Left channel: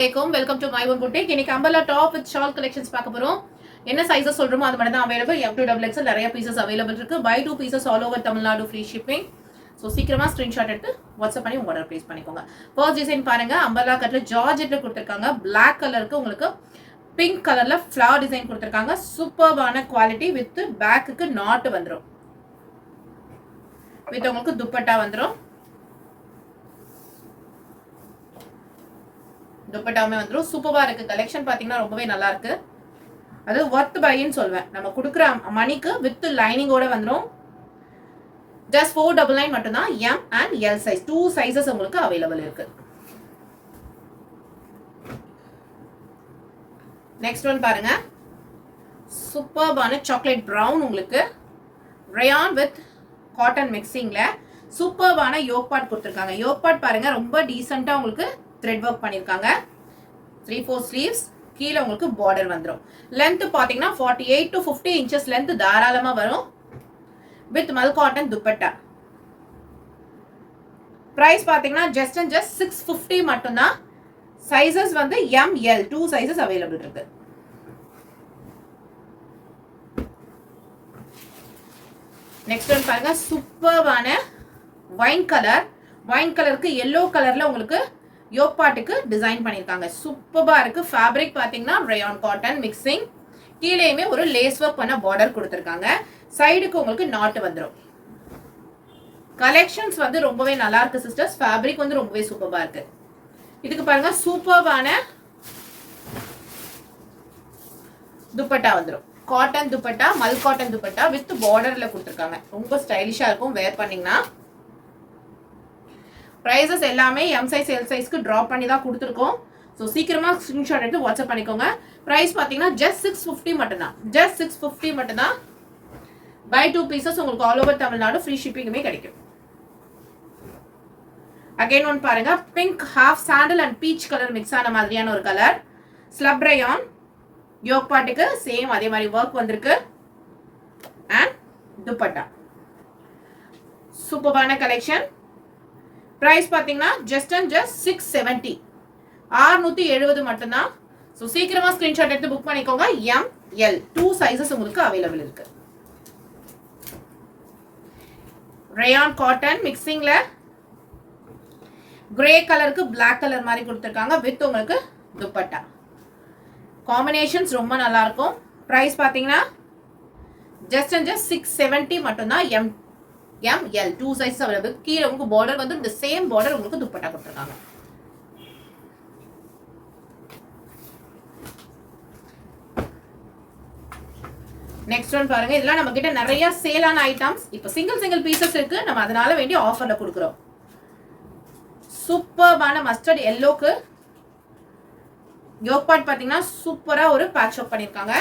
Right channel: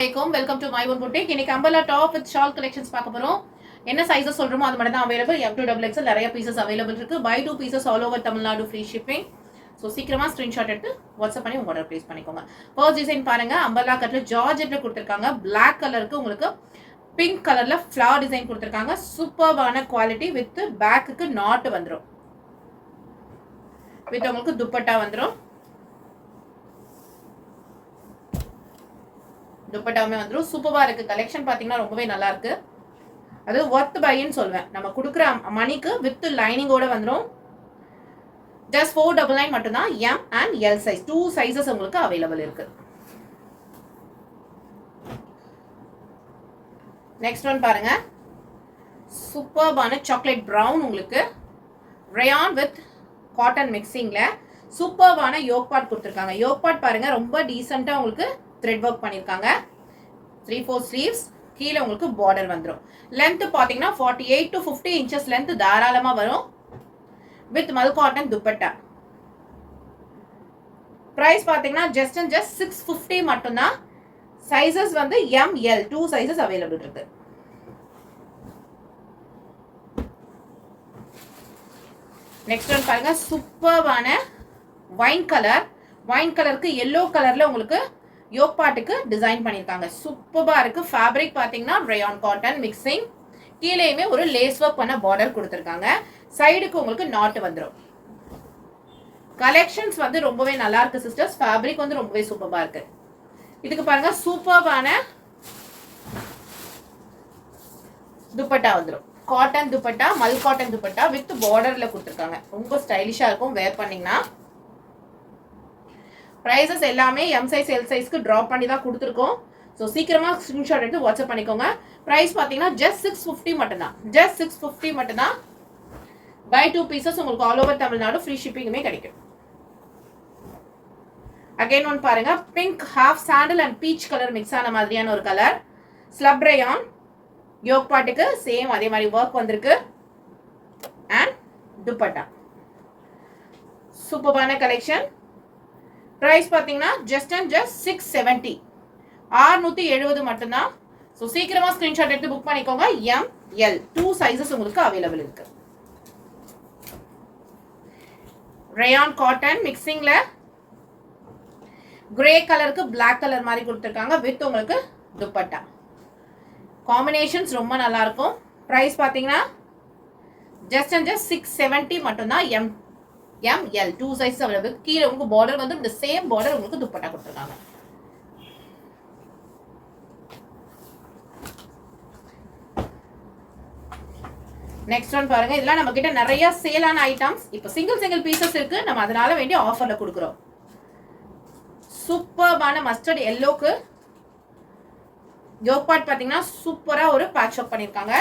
Welcome to my one boutique. இன்னைக்கு umbrella top with shawl collections பார்க்க போறோம். என்ன சைஸஸ் சொல்றோமோ அது மட்டும் தான் அவைலபிள். M2XXL நிறைய பீசஸ் அவைலபிள் இருக்கு. By 2 pieces all over Tamil Nadu free shipping. So சீக்கிரமா ஸ்கிரீன்ஷாட் எடுத்து வாட்ஸ்அப் பண்ணி உங்க ஆர்டர் பிளேஸ் பண்ணிக்கோங்க. ஃபர்ஸ்ட் டிசைன் பாருங்க, அம்பர்லா கட்ல ஜார்ஜெட்ல கொடுத்துருக்காங்க. Black கலருக்கு உங்களுக்கு பிங்க் கலர்ல ஃபிளவர் டிசைன் கொடுத்துருக்காங்க. சூப்பர்பான குவாலிட்டி வித் பேக்குக்கு நாட் வந்துடும். வித் உங்களுக்கு துப்பட்டா வந்துடும். துப்பட்டாவுமே வந்துடும். சூப்பரா இருக்கு. கலெக்ஷன் பாத்தீங்கன்னா ரொம்பவே நல்லா இருக்கு. அது ஒர்த் பைன்னு சொல்வேன். நம்ம கொடுக்குற மணிக்கு வித் லைனிங்கோட வந்துடும். ஜஸ்ட் 499 மட்டும்தான். M and L size 2 sizes உங்களுக்கு அவைலபிள் இருக்கு. நெக்ஸ்ட் ஒன் பாருங்க, சூப்பர்பான சாக்லேட் பிரவுன் உங்களுக்கு ரயான் வித் காட்டன் மிக்சிங்ல சூப்பர்பான யோக் பார்ட் கொடுத்துருக்காங்க. யோக் பார்ட் பாருங்க ரொம்ப டீசெண்டா உங்களுக்கு த்ரெட் ஒர்க் பண்ணிருக்காங்க. 3/4 ஸ்லீவ்ஸ், கீழே உங்களுக்கு பார்டர் வந்துடும். லென்த் பாத்தீங்கன்னா 48 to 50 inches லென்த் தாராளமா வரும். With Mal cotton dupatta. Price பாத்தீங்கன்னா ஜஸ்ட் 650 மட்டும்தான். சைஸஸ் வந்து M, L 2 சைஸஸ் அவைலபிள் இருக்கு. நெக்ஸ்ட் ஒன் பாருங்க, சூப்பர்வான வைன் கலர். வைன் கலருக்கு எல்லோ கலர்ல உங்களுக்கு யோக் பார்ட்டுக்கு டிசைன் பண்ணிருக்காங்க. சூப்பரா இருக்கு. ஃபேப்ரிக் பாத்தீங்கன்னா ரயான் காட்டன் மிக்சிங். கீழேயுமே ஒரு லேஸ் ஒர்க் பண்ண பார்டர் கொடுத்துருக்காங்க. சைடுக்கு உங்களுக்கு நாட் வந்துடும். கலெக்ஷன்ஸ் வந்து ரொம்பவே நல்லா இருக்கு சிஸ்டர்ஸ். ஃபேப்ரிக் வந்து ரொம்பவே சூப்பரா இருக்கு. இதுக்கு பாருங்க சூப்பர்வான துப்பட்டா வந்துடும். Cotton dupatta, Mal cotton dupatta with பார்டர்ல கொடுத்துருக்காங்க. ரொம்ப ஸ்டைலிஷா இருக்கும் வேர் பண்ணீங்கன்னா. பிரைசஸ் எல்லாமே M சைஸ் L சைஸ்க்கு டிராப் பண்ணி தான் கொடுத்துருக்கோம். ஸோ சீக்கிரமா ஸ்கிரீன்ஷாட் எடுத்து வாட்ஸ்அப் பண்ணிக்கோங்க. பிரைஸ் பார்த்தீங்கன்னா ஜஸ்ட் 650 மட்டும்தான். ஜஸ்ட் 650 மட்டும்தான். பை 2 பீசஸ் உங்களுக்கு ஆல் ஓவர் தமிழ்நாடு ஃப்ரீ ஷிப்பிங்குமே கிடைக்கும். அகைன் ஒன் பாருங்க, pink half sandal and peach colour mix ஆன மாதிரியான ஒரு கலர். ஸ்லப் ரயான் யோக் பார்ட்டுக்கு சேம் அதே மாதிரி ஒர்க் வந்திருக்கு. அண்ட் துப்பட்டா. சூப்பரான கலெக்ஷன். பிரைஸ் பாத்தீங்கன்னா ஜஸ்ட் 670. 670 மட்டும்தான். ஸோ சீக்கிரமா ஸ்கிரீன்ஷாட் எடுத்து புக் பண்ணிக்கோங்க. M, L 2 சைஸஸ் உங்களுக்கு அவைலபிள் இருக்கு. ரயான் காட்டன் மிக்சிங்ல கிரே கலருக்கு பிளாக் கலர் மாதிரி கொடுத்துருக்காங்க. வித் உங்களுக்கு துப்பட்டா. காம்பினேஷன்ஸ் ரொம்ப நல்லா இருக்கும். பிரைஸ் பாத்தீங்கன்னா ஜஸ்ட் 670 மட்டும்தான். M, L 2 size available. கீழே உங்களுக்கு பார்டர் வந்து இந்த சேம் பார்டர் உங்களுக்கு துப்பட்டா கொடுத்துருக்காங்க. நெக்ஸ்ட் ஒன் பாருங்க, இதெல்லாம் நம்ம கிட்ட நிறைய சேலான ஐட்டம்ஸ். இப்போ சிங்கிள் பீசஸ் இருக்கு, நம்ம அதனால வேண்டிய ஆஃபர்ல கொடுக்குறோம். சூப்பர்பான மஸ்டர்ட் எல்லோக்கு யோக் பார்ட் பாத்தீங்கன்னா சூப்பரா ஒரு பேட்ச் ஒர்க் பண்ணிருக்காங்க.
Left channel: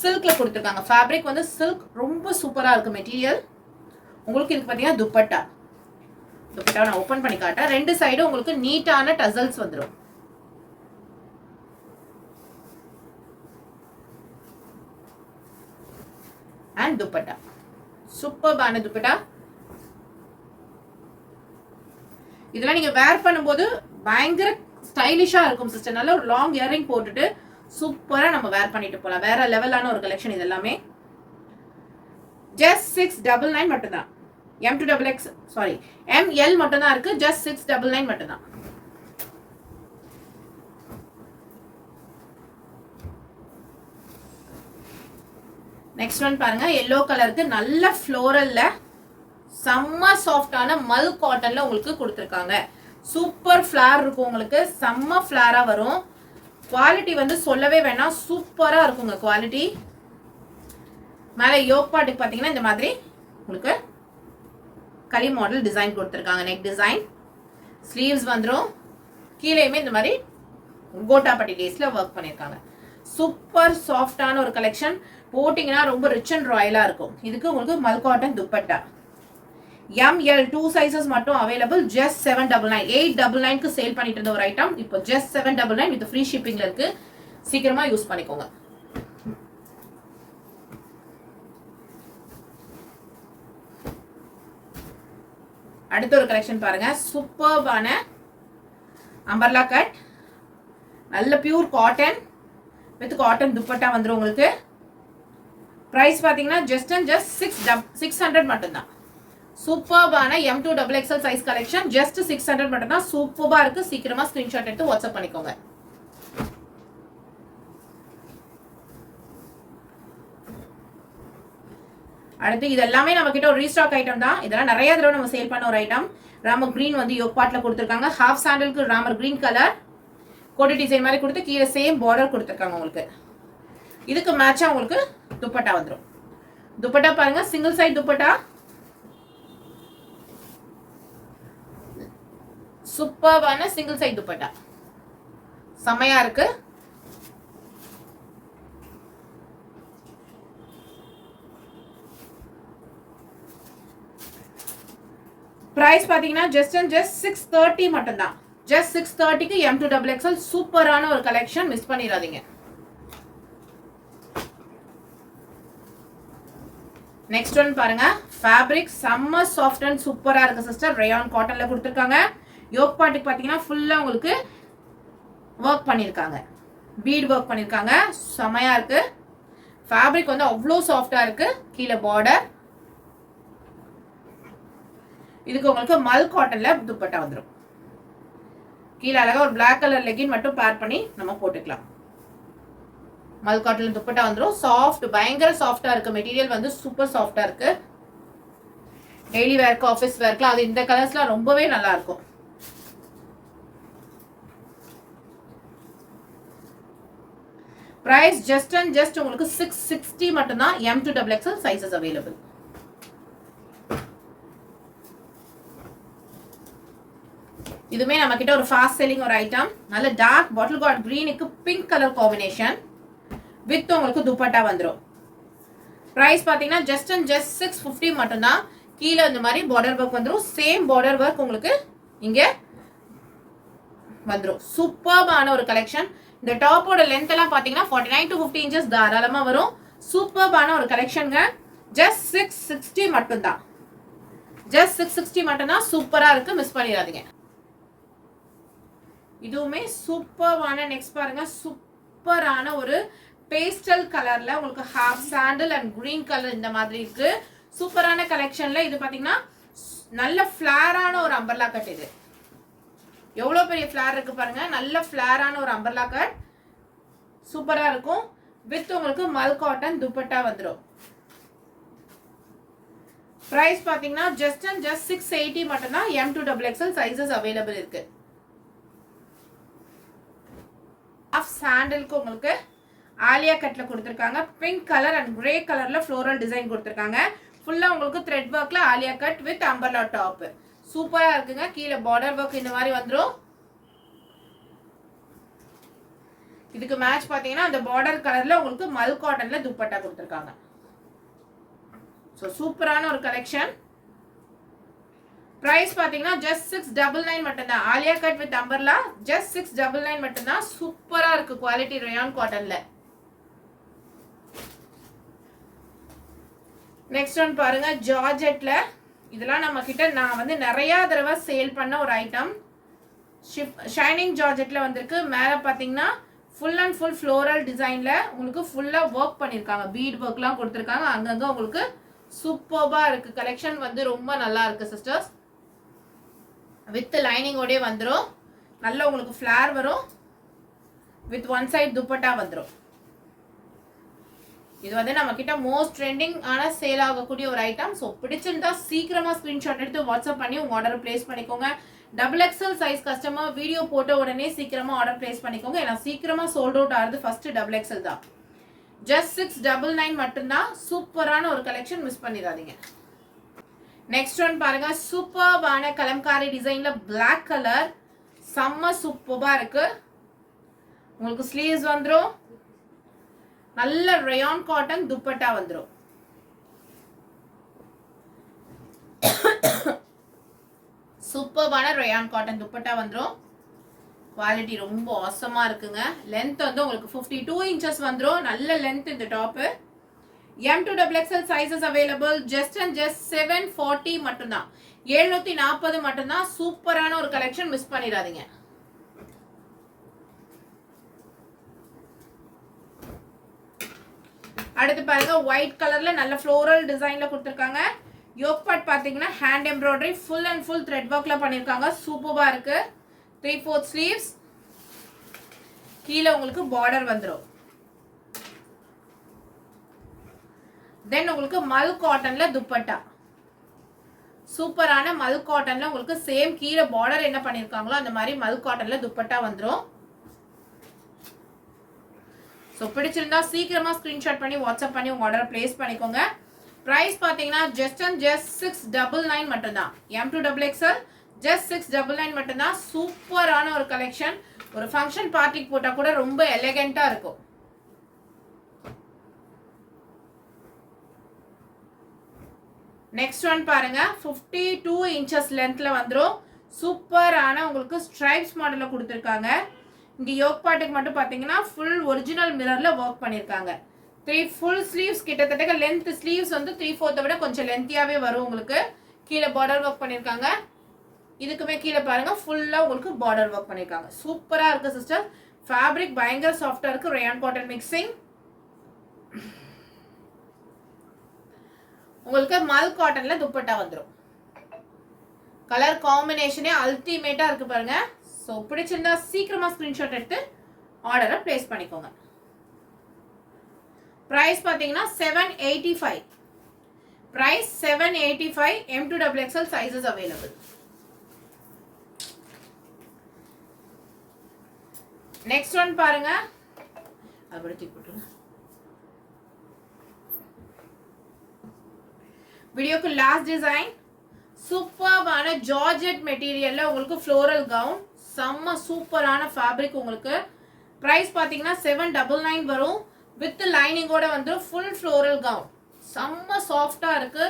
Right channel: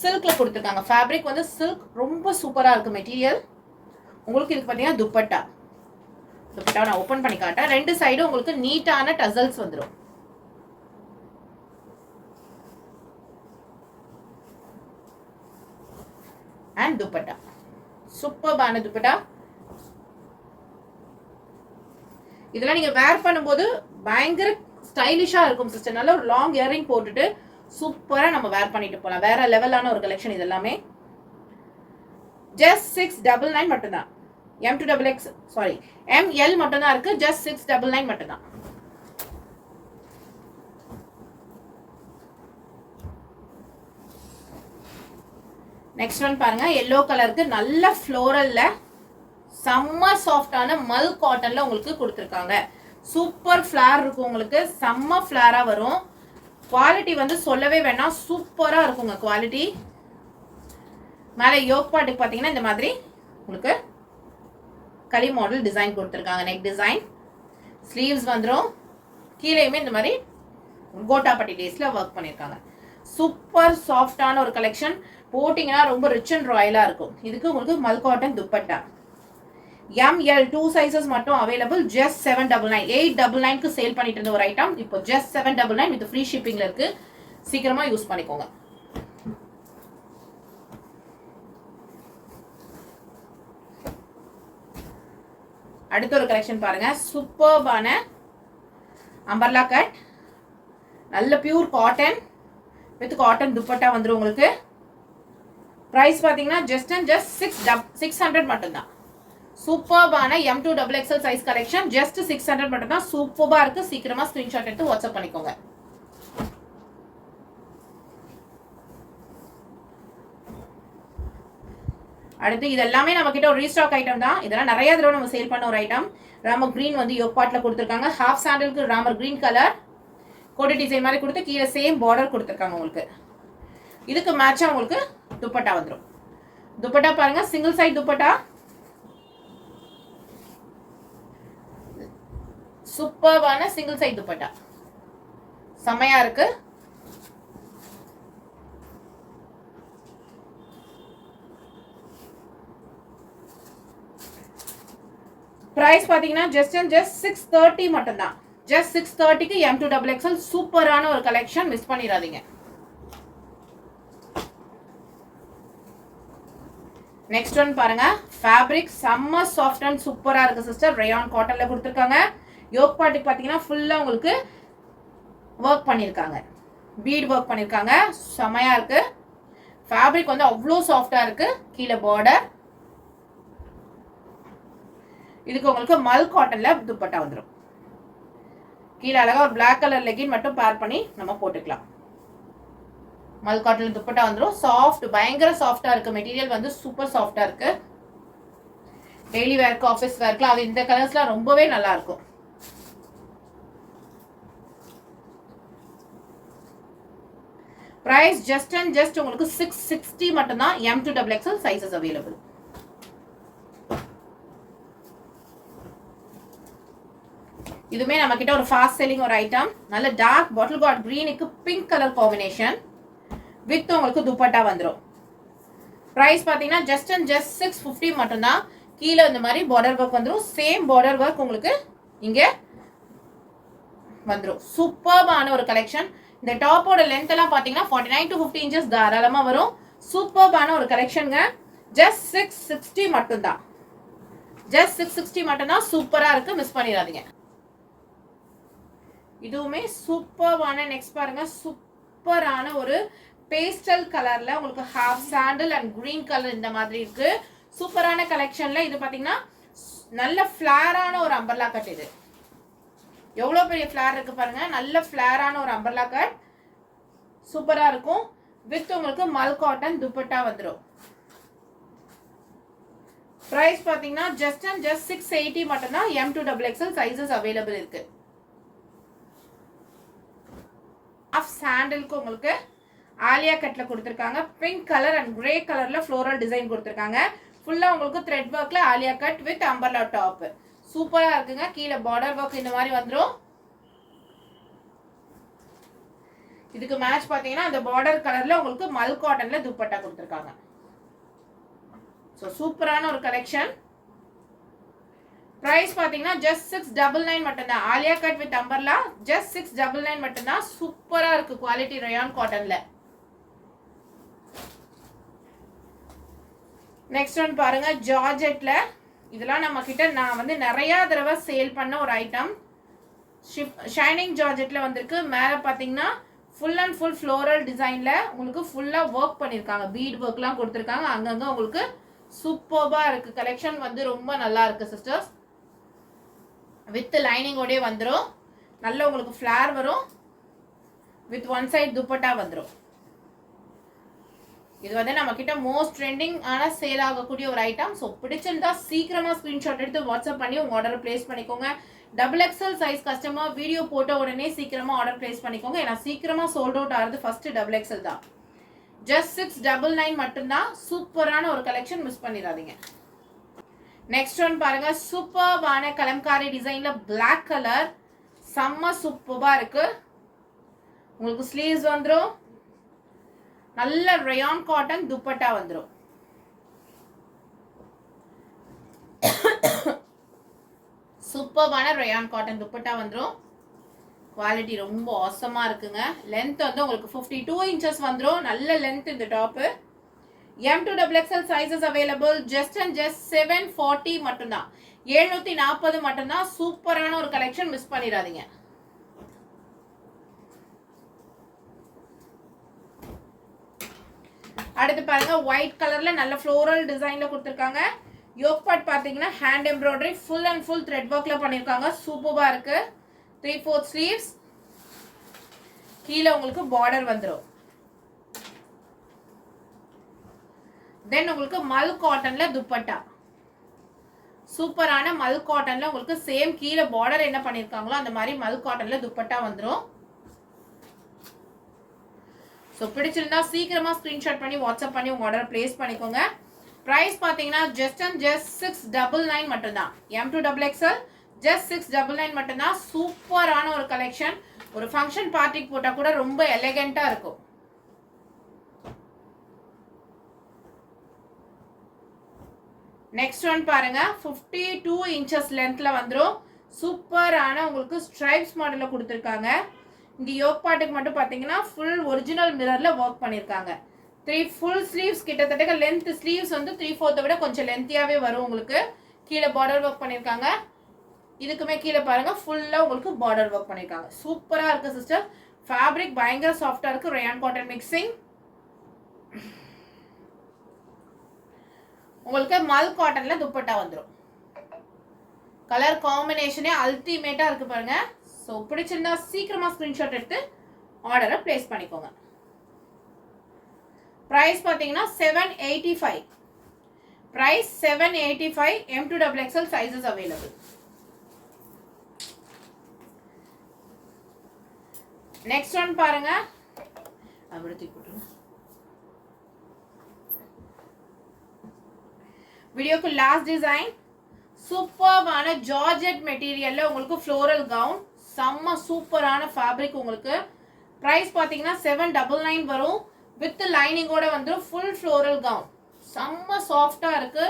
சில்க்ல கொடுத்துருக்காங்க. ஃபேப்ரிக் வந்து சில்க் ரொம்ப சூப்பரா இருக்கு மெட்டீரியல். உங்களுக்கு இதுக்கு பாத்தீங்கன்னா துப்பட்டா. துப்பட்டாவை நான் ஓபன் பண்ணி காட்டேன். ரெண்டு சைடும் உங்களுக்கு நீட்டான டசல்ஸ் வந்துடும். அண்ட் துப்பட்டா. சூப்பர்பான துப்பட்டா. இதெல்லாம் நீங்க வேர் பண்ணும்போது பயங்கர ஸ்டைலிஷா இருக்கும் சிஸ்டர். நல்ல ஒரு லாங் இயரிங் போட்டுட்டு சூப்பரா நம்ம வேர் பண்ணிட்டு போலாம். வேற லெவலான ஒரு கலெக்ஷன் இது எல்லாமே. ஜஸ்ட் 699 மட்டும்தான். M2XX சாரி ML மட்டும்தான் இருக்கு. ஜஸ்ட் 699 மட்டும்தான். நெக்ஸ்ட் ஒன் பாருங்க, எல்லோ கலருக்கு நல்ல ஃப்ளோரல்ல செம்ம சாஃப்டான மல் காட்டன்ல உங்களுக்கு கொடுத்துருக்காங்க. சூப்பர் ஃபிளார் இருக்கும் உங்களுக்கு. செம்ம ஃபிளாரா வரும். குவாலிட்டி வந்து சொல்லவே வேணாம். சூப்பரா இருக்குங்க குவாலிட்டி. மேலே யோக் பார்ட்டுக்கு பார்த்தீங்கன்னா இந்த மாதிரி உங்களுக்கு களி மாடல் டிசைன் கொடுத்துருக்காங்க. Neck design. ஸ்லீவ்ஸ் வந்துடும். கீழேயுமே இந்த மாதிரி கோட்டாப்பட்டி லேஸ்ல ஒர்க் பண்ணியிருக்காங்க. சூப்பர் சாஃப்டான ஒரு கலெக்ஷன். போட்டிங்கன்னா ரொம்ப ரிச் அண்ட் ராயலா இருக்கும். இதுக்கு உங்களுக்கு மல் cotton dupatta. M, L 2 sizes மட்டும் அவைலபிள். ஜஸ்ட் 799. 899க்கு சேல் பண்ணிட்டு இருந்த ஒரு ஐட்டம் இப்போ ஜஸ்ட் 799 வித் ஃப்ரீ ஷிப்பிங்ல இருக்கு. சீக்கிரமா யூஸ் பண்ணிக்கோங்க. அடுத்த ஒரு கலெக்ஷன் பாருங்க, சூப்பர்பான அம்பர்லா கட் நல்ல pure cotton with cotton dupatta வந்துடும் உங்களுக்கு. ப்ரைஸ் பார்த்தீங்கன்னா ஜஸ்ட் அண்ட் ஜஸ்ட் 600 மட்டும்தான். சூப்பர்பான M2XXL சைஸ் கலெக்ஷன் ஜஸ்ட் 600 மட்டும்தான். சூப்பர்பா இருக்கு. சீக்கிரமா ஸ்கிரீன்ஷாட் எடுத்து வாட்ஸ்அப் பண்ணிக்கோங்க. அடுத்து இது எல்லாமே நம்ம கிட்ட ஒரு ரீஸ்டாக் ஐட்டம் தான். இதெல்லாம் நிறைய தடவை நம்ம சேல் பண்ண ஒரு ஐட்டம். ராமர் கிரீன் வந்து யோக் பார்ட்ல கொடுத்துருக்காங்க. ஹாஃப் சாண்டலுக்கு ராமர் கிரீன் கலர் கோடி டிசைன் மாதிரி கொடுத்து கீழே சேம் பார்டர் கொடுத்துருக்காங்க உங்களுக்கு. இதுக்கு மேட்சா உங்களுக்கு துப்பட்டா வந்துடும். துப்பட்டா பாருங்க, சிங்கிள் சைட் துப்பட்டா, சூப்பர்பான சிங்கிள் சைட் துப்பட்டா, செமையா இருக்கு. பிரைஸ் பாத்தீங்கன்னா ஜஸ்ட் அண்ட் ஜஸ்ட் 630 மட்டும்தான். ஜஸ்ட் 630க்கு M2XXL சூப்பரான ஒரு கலெக்ஷன், மிஸ் பண்ணிடாதீங்க. நெக்ஸ்ட் ஒன் பாருங்க, ஃபேப்ரிக் செம்ம சாஃப்ட் அண்ட் சூப்பரா இருக்கு சிஸ்டர். ரயான் காட்டன்ல கொடுத்துருக்காங்க. யோக் பார்ட்டுக்கு பாத்தீங்கன்னா ஃபுல்லா உங்களுக்கு ஒர்க் பண்ணிருக்காங்க, பீட் ஒர்க் பண்ணிருக்காங்க. செமையா இருக்கு. ஃபேப்ரிக் வந்து அவ்வளோ சாஃப்டா இருக்கு. கீழே பார்டர், இதுக்கு உங்களுக்கு மல் காட்டன்ல துப்பட்டா வந்துடும். கீழே அழகா ஒரு பிளாக் கலர் லெகின் மட்டும் பேர் பண்ணி நம்ம போட்டுக்கலாம். மல் காட்டன் துப்பட்டா வந்துடும். சாஃப்ட், பயங்கர சாஃப்டா இருக்கு. மெட்டீரியல் வந்து சூப்பர் சாஃப்டா இருக்கு. டெய்லி வேர்க்கு, ஆஃபீஸ் வேர்க்கு, அது இந்த கலர்ஸ்லாம் ரொம்பவே நல்லா இருக்கும். பிரைஸ் ஜஸ்ட் அண்ட் ஜஸ்ட் உங்களுக்கு 660 மட்டும்தான். M2XXL sizes available. இதுமே நம்ம கிட்ட ஒரு ஃபாஸ்ட் செல்லிங் ஒரு ஐட்டம். நல்ல டார்க் பாட்டில் கார்ட் கிரீனுக்கு பிங்க் கலர் காம்பினேஷன் வித் உங்களுக்கு துப்பட்டா வந்துடும். பிரைஸ் பார்த்தீங்கன்னா ஜஸ்ட் அண்ட் ஜஸ்ட் 650 மட்டும்தான். கீழே இந்த மாதிரி பார்டர் ஒர்க் வந்துடும். சேம் பார்டர் ஒர்க் உங்களுக்கு இங்கே வந்துடும். சூப்பர்பான ஒரு கலெக்ஷன். இந்த டாப்போட லென்த் எல்லாம் பார்த்தீங்கன்னா 49 to 50 இன்ச்சஸ் தாராளமாக வரும். சூப்பர்பான ஒரு கலெக்ஷனுங்க. ஜஸ்ட் 660 மட்டும்தான். ஜஸ்ட் 660 மட்டும்தான். சூப்பராக இருக்கு, மிஸ் பண்ணிடாதீங்க. இதுவுமே சூப்பர்வான. நெக்ஸ்ட் பாருங்க, சூப்பரான ஒரு பேஸ்டல் கலர்ல உங்களுக்கு half sandal and green colour இந்த மாதிரி இருக்கு. சூப்பரான கலெக்ஷன்ல இது பாத்தீங்கன்னா நல்ல ஃபிளாரான ஒரு அம்பர்லா கட். இது எவ்வளவு பெரிய ஃபிளார் இருக்கு பாருங்க. நல்ல ஃபிளாரான ஒரு அம்பர்லா கட், சூப்பரா இருக்கும். வித் உங்களுக்கு மல் காட்டன் துப்பட்டா வந்துடும். பிரைஸ் பாத்தீங்கன்னா ஜஸ்ட் அண்ட் ஜஸ்ட் 680 மட்டும்தான். M2XXL சைஸஸ் அவைலபிள் இருக்கு. ஆஃப் சாண்டலுக்கு உங்களுக்கு ஆலியா கட்ல கொடுத்துருக்காங்க. பிங்க் கலர் அண்ட் கிரே கலர்ல ஃப்ளோரல் டிசைன் கொடுத்துருக்காங்க. ஃபுல்லா உங்களுக்கு த்ரெட் ஒர்க்ல Alia cut with umbrella top. சூப்பரா இருக்குங்க. கீழே பார்டர் ஒர்க் இந்த மாதிரி வந்துடும். இதுக்கு மேட்ச் பாத்தீங்கன்னா அந்த பார்டர் கலர்ல உங்களுக்கு மல் காட்டன்ல துப்பட்டா கொடுத்துருக்காங்க. ஸோ சூப்பரான ஒரு கலெக்ஷன். பிரைஸ் பாத்தீங்கன்னா ஜஸ்ட் 699 மட்டும்தான். Alia cut with umbrella just 699 மட்டும்தான். சூப்பரா இருக்கு. குவாலிட்டி ரயான் காட்டன்ல. நெக்ஸ்ட் ஒன் பாருங்க, ஜார்ஜெட்ல. இதெல்லாம் நம்ம கிட்ட நான் வந்து நிறைய தடவை சேல் பண்ண ஒரு ஐட்டம். ஷைனிங் ஜார்ஜெட்ல வந்திருக்கு. மேல பாத்தீங்கன்னா ஃபுல் அண்ட் ஃபுல் ஃப்ளோரல் டிசைன்ல உங்களுக்கு ஃபுல்லா ஒர்க் பண்ணிருக்காங்க. பீட் ஒர்க்லாம் கொடுத்துருக்காங்க. அங்கங்க உங்களுக்கு சூப்பர்பா இருக்கு. கலெக்ஷன் வந்து ரொம்ப நல்லா இருக்கு சிஸ்டர்ஸ். வித் லைனிங்கோடே வந்துடும். நல்ல உங்களுக்கு ஃபிளார் வரும். வித் ஒன் சைட் துப்பட்டா வந்துடும். இது வந்து நம்ம கிட்ட மோஸ்ட் ட்ரெண்டிங் ஆன சேல் ஆகக்கூடிய ஒரு ஐட்டம். ஸோ பிடிச்சிருந்தா சீக்கிரமா ஸ்கிரீன்ஷாட் எடுத்து வாட்ஸ்அப் பண்ணி உங்க ஆர்டர் பிளேஸ் பண்ணிக்கோங்க. XXL சைஸ் கஸ்டமர் வீடியோ போட்ட உடனே சீக்கிரமா ஆர்டர் பிளேஸ் பண்ணிக்கோங்க. ஏன்னா சீக்கிரமா சோல்ட் அவுட் ஆகுது ஃபர்ஸ்ட் XXL தான். ஜஸ்ட் 699 மட்டும்தான். சூப்பரான ஒரு கலெக்ஷன், மிஸ் பண்ணிடாதீங்க. நெக்ஸ்ட் ஒன் பாருங்க, சூப்பர்பான கலம்காரி டிசைன்ல பிளாக் கலர், செம்ம சூப்பர்பா இருக்கு. உங்களுக்கு ஸ்லீவ்ஸ் வந்துடும். நல்ல ரயான் காட்டன் துப்பட்டா வந்துடும். சூப்பர்பான ரயான் காட்டன் துப்பட்டா வந்துடும். குவாலிட்டி ரொம்ப ஆசமா இருக்குங்க. லென்த் வந்து உங்களுக்கு 52 இன்ச்சஸ் வந்துடும். நல்ல லென்த் இந்த top. M2XXL sizes available. Just and just 740 மட்டும்தான். 740 மட்டும்தான். சூப்பரான ஒரு கலெக்ஷன், மிஸ் பண்ணிடாதீங்க. அடுத்து பாருங்க ஒயிட் கலர்ல நல்ல ஃப்ளோரல் டிசைன்ல கொடுத்துருக்காங்க. யோக் பார்ட் பாத்தீங்கன்னா hand embroidery full and full thread ஒர்க்ல பண்ணிருக்காங்க. சூப்பரா இருக்கு. 3/4 ஸ்லீவ்ஸ். கீழே உங்களுக்கு பார்டர் வந்துரும். தென் உங்களுக்கு மல் காட்டன்ல துப்பட்டா. சூப்பரான மல் காட்டன்ல உங்களுக்கு சேம் கீழே பார்டர் என்ன பண்ணிருக்காங்களோ அந்த மாதிரி மல் காட்டன்ல துப்பட்டா வந்துரும். ஸோ பிடிச்சிருந்தா சீக்கிரமா ஸ்கிரீன்ஷாட் பண்ணி வாட்ஸ்அப் பண்ணி உங்க ஆர்டர் பிளேஸ் பண்ணிக்கோங்க. பிரைஸ் பாத்தீங்கன்னா ஜஸ்ட் 699 மட்டும்தான். M2XXL ஜஸ்ட் 699 மட்டும்தான். சூப்பரான ஒரு கலெக்ஷன். ஒரு ஃபங்க்ஷன் பார்ட்டிக்கு போட்டா கூட ரொம்ப எலிகென்ட்டா இருக்கும். நெக்ஸ்ட் ஒன் பாருங்க 52 inches லென்த்ல வந்துரும். சூப்பரான உங்களுக்கு ஸ்ட்ரைப்ஸ் மாடல்ல கொடுத்துருக்காங்க. இங்க யோக் பார்ட்டுக்கு மட்டும் பாத்தீங்கன்னா ஃபுல் ஒரிஜினல் மிரர்ல ஒர்க் பண்ணிருக்காங்க. 3 ஃபுல் ஸ்லீவ்ஸ் கிட்டத்தட்ட லென்த் ஸ்லீவ்ஸ் வந்து 3/4 விட கொஞ்சம் லென்த்தியாவே வரும் உங்களுக்கு. கீழே பார்டர் ஒர்க் பண்ணிருக்காங்க. இதுக்குமே கீழே பாருங்க ஃபுல்லா உங்களுக்கு பார்டர் ஒர்க் பண்ணிருக்காங்க. சூப்பரா இருக்கு சிஸ்டர். ஃபேப்ரிக் பயங்கர சாஃப்டா இருக்கு. Rayon cotton mixing. உங்களுக்கு மல் காட்டன்ல துப்பட்டா வந்துரும். கலர் காம்பினேஷனே அல்டிமேட்டா இருக்கு பாருங்க. சோ பிடிச்சிருந்தா சீக்கிரமா ஸ்கிரீன்ஷாட் எடுத்து ஆர்டரை பிளேஸ் பண்ணிக்கோங்க. பிரைஸ் பாத்தீங்கன்னா 785. Price 785. M2XXL sizes available. Next one பாருங்க. அப்படி தூக்கிட்டுங்க. வீடியோக்கு லாஸ்ட் டிசைன் சூப்பரான ஜார்ஜெட் மெட்டீரியல்ல உங்களுக்கு ஃப்ளோரல் கவுன். செம்ம சூப்பரான ஃபேப்ரிக் உங்களுக்கு. பிரைஸ் பாத்தீங்கன்னா 799 வரும். வித் லைனிங்கோட வந்து ஃபுல் ஃப்ளோரல் கவுன். செம்ம சாஃப்டா இருக்கு.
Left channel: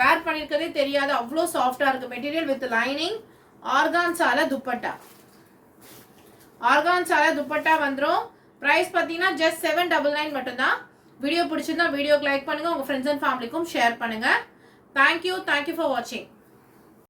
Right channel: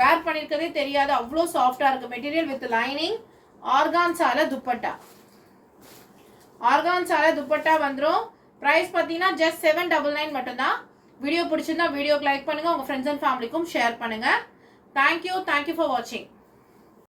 வேர் பண்ணிருக்கதே தெரியாது அவ்வளோ சாஃப்டா இருக்கு மெட்டீரியல். With lining. ஆர்கான்சால துப்பட்டா. ஆர்கான்சால துப்பட்டா வந்துரும். பிரைஸ் பாத்தீங்கன்னா ஜஸ்ட் 799 மட்டும்தான். வீடியோ பிடிச்சிருந்தா வீடியோக்கு லைக் பண்ணுங்க. உங்க ஃப்ரெண்ட்ஸ் அண்ட் ஃபேமிலிக்கும் ஷேர் பண்ணுங்க. Thank you for watching.